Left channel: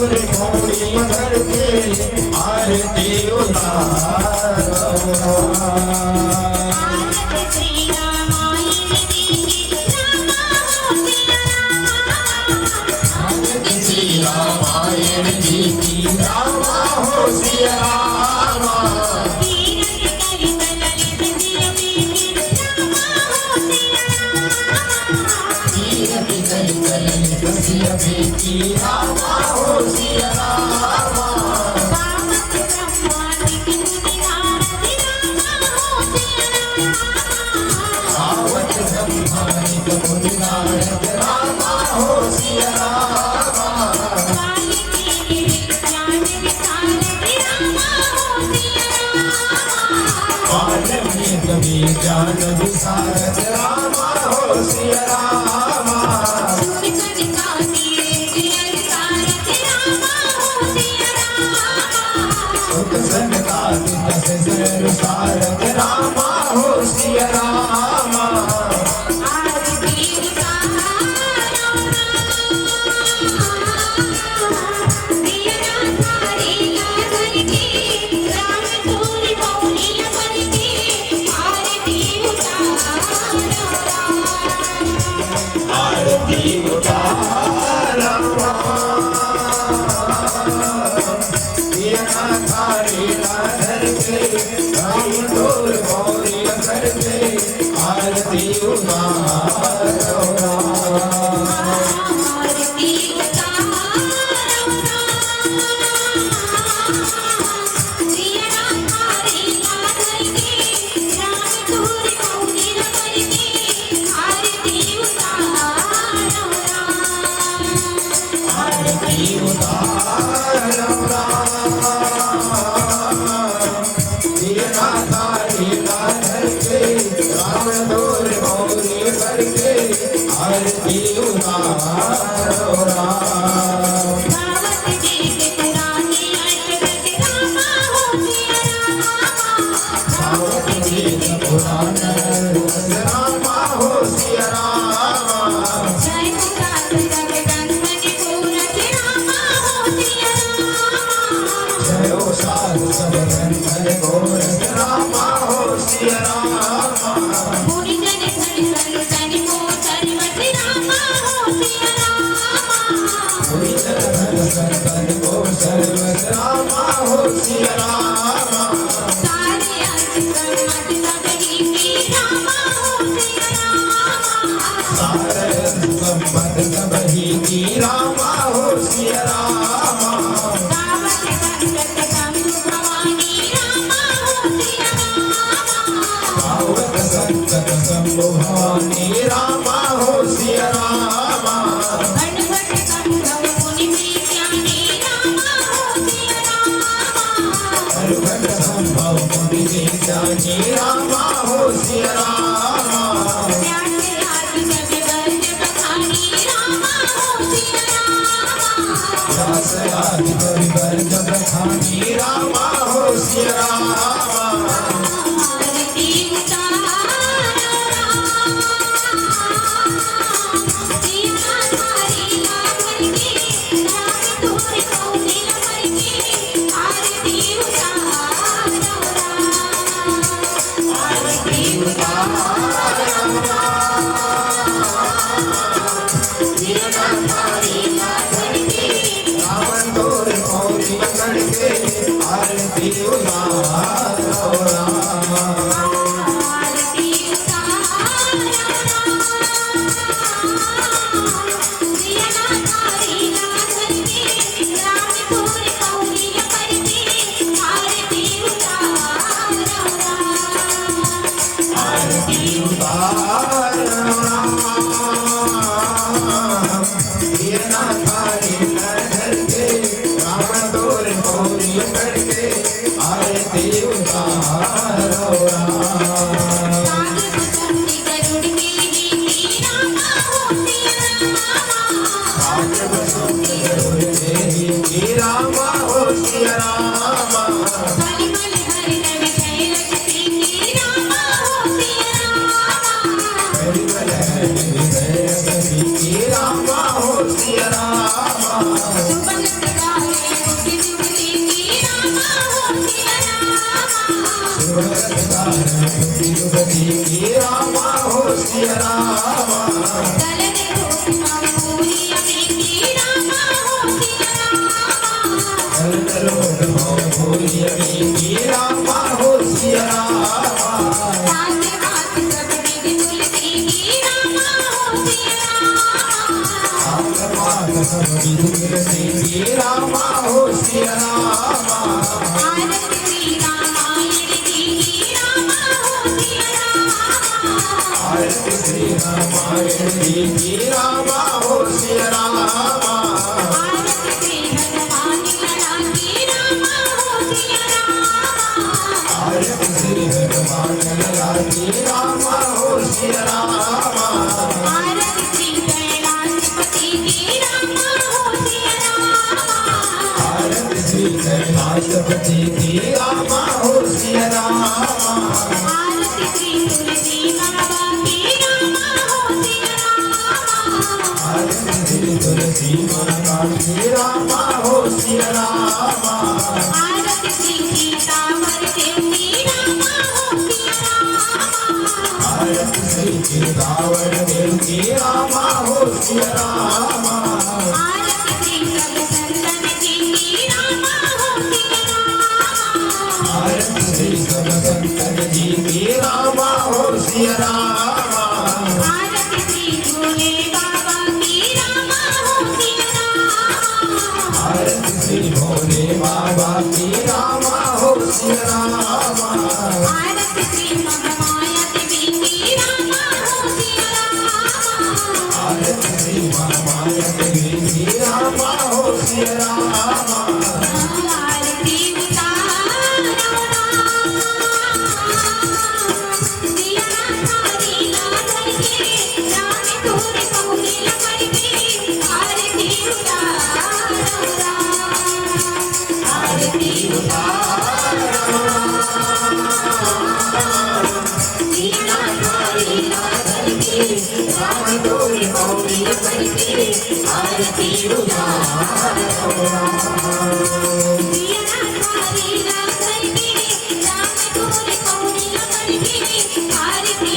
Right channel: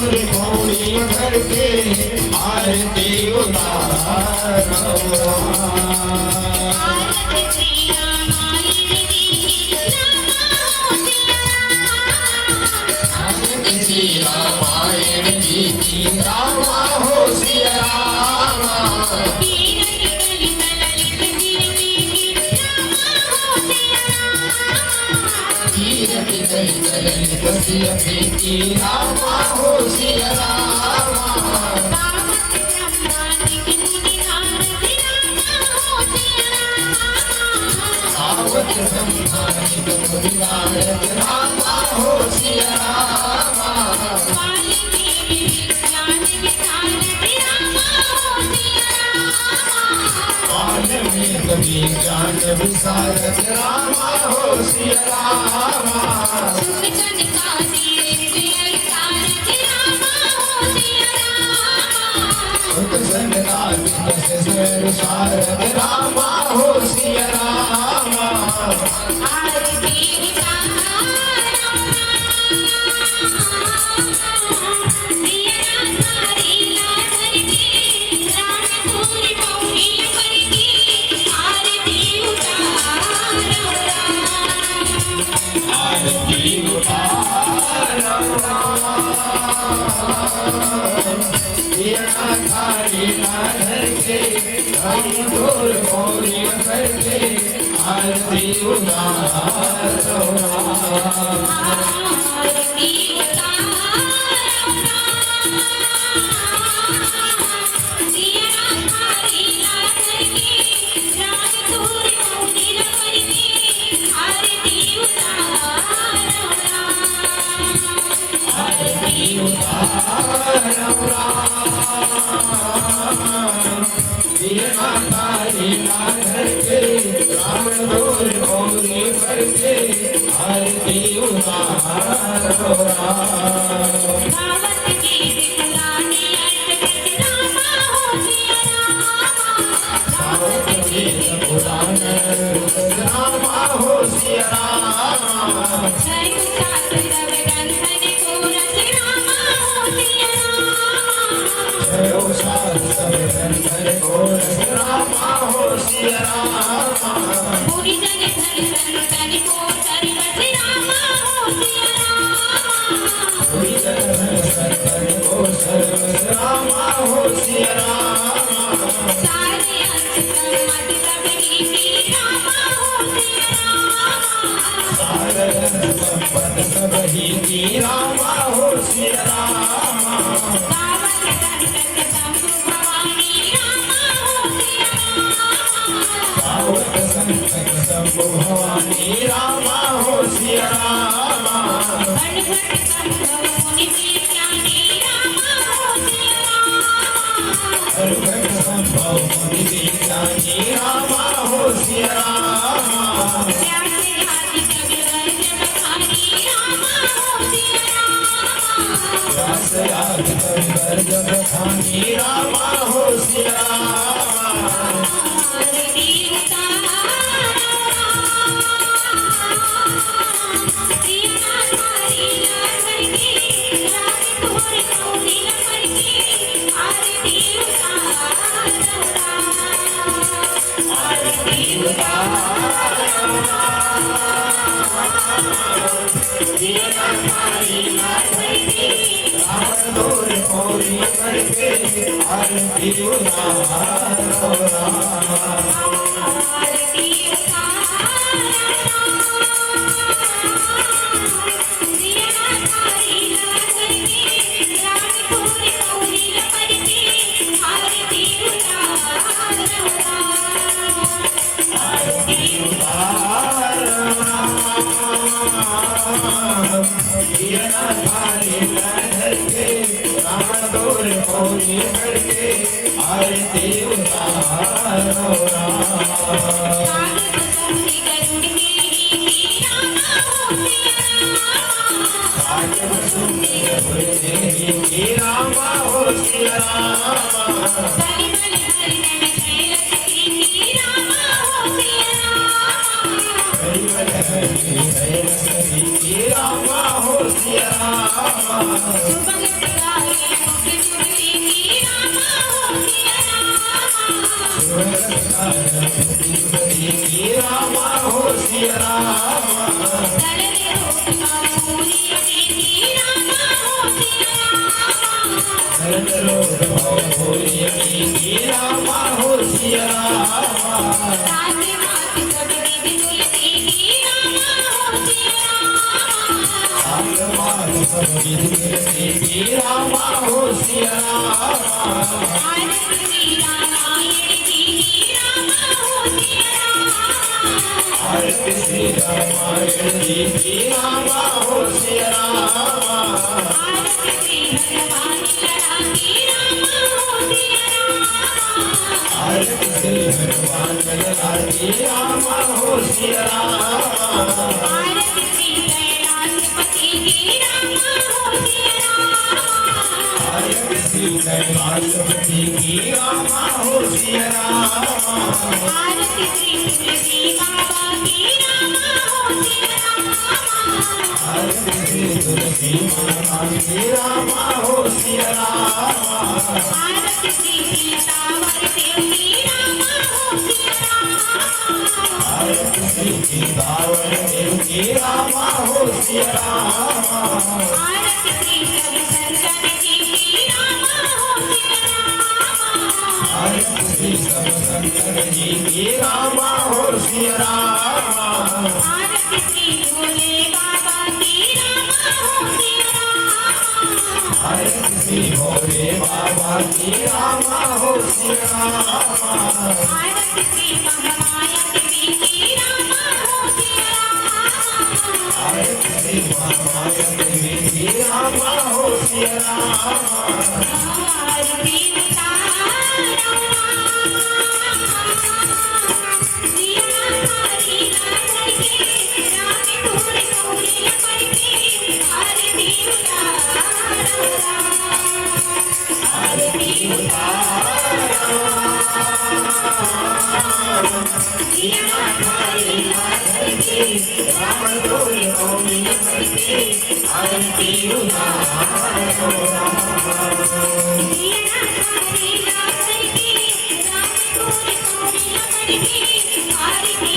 Rama Rama हो सिया रामा रामा हो सिया रामा हो सिया आरती श्री रामायण जी रामा हो सिया रामा आरती श्री हनुमान राजी रामा हो सिया रामा आरती श्री कैलाशपति की रामा हो सिया रामा आरती श्री तुलसी बाबा की रामा हो सिया रामा आरती श्री तुलसी माता की रामा हो सिया रामा आरती श्री सीतावर देव की रामा हो सिया रामा आरती श्री सीतावर देव की रामा हो सिया रामा आरती श्री सदसंतन जी की रामा हो सिया रामा आरती श्री सदसंतन जी की रामा हो सिया रामा आरती श्री भोले बाबा की रामा हो सिया रामा आरती श्री भोले बाबा की रामा हो सिया रामा आरती श्री महामाया देवी की रामा हो सिया रामा आरती श्री महामाया देवी की रामा हो सिया रामा आरती आरती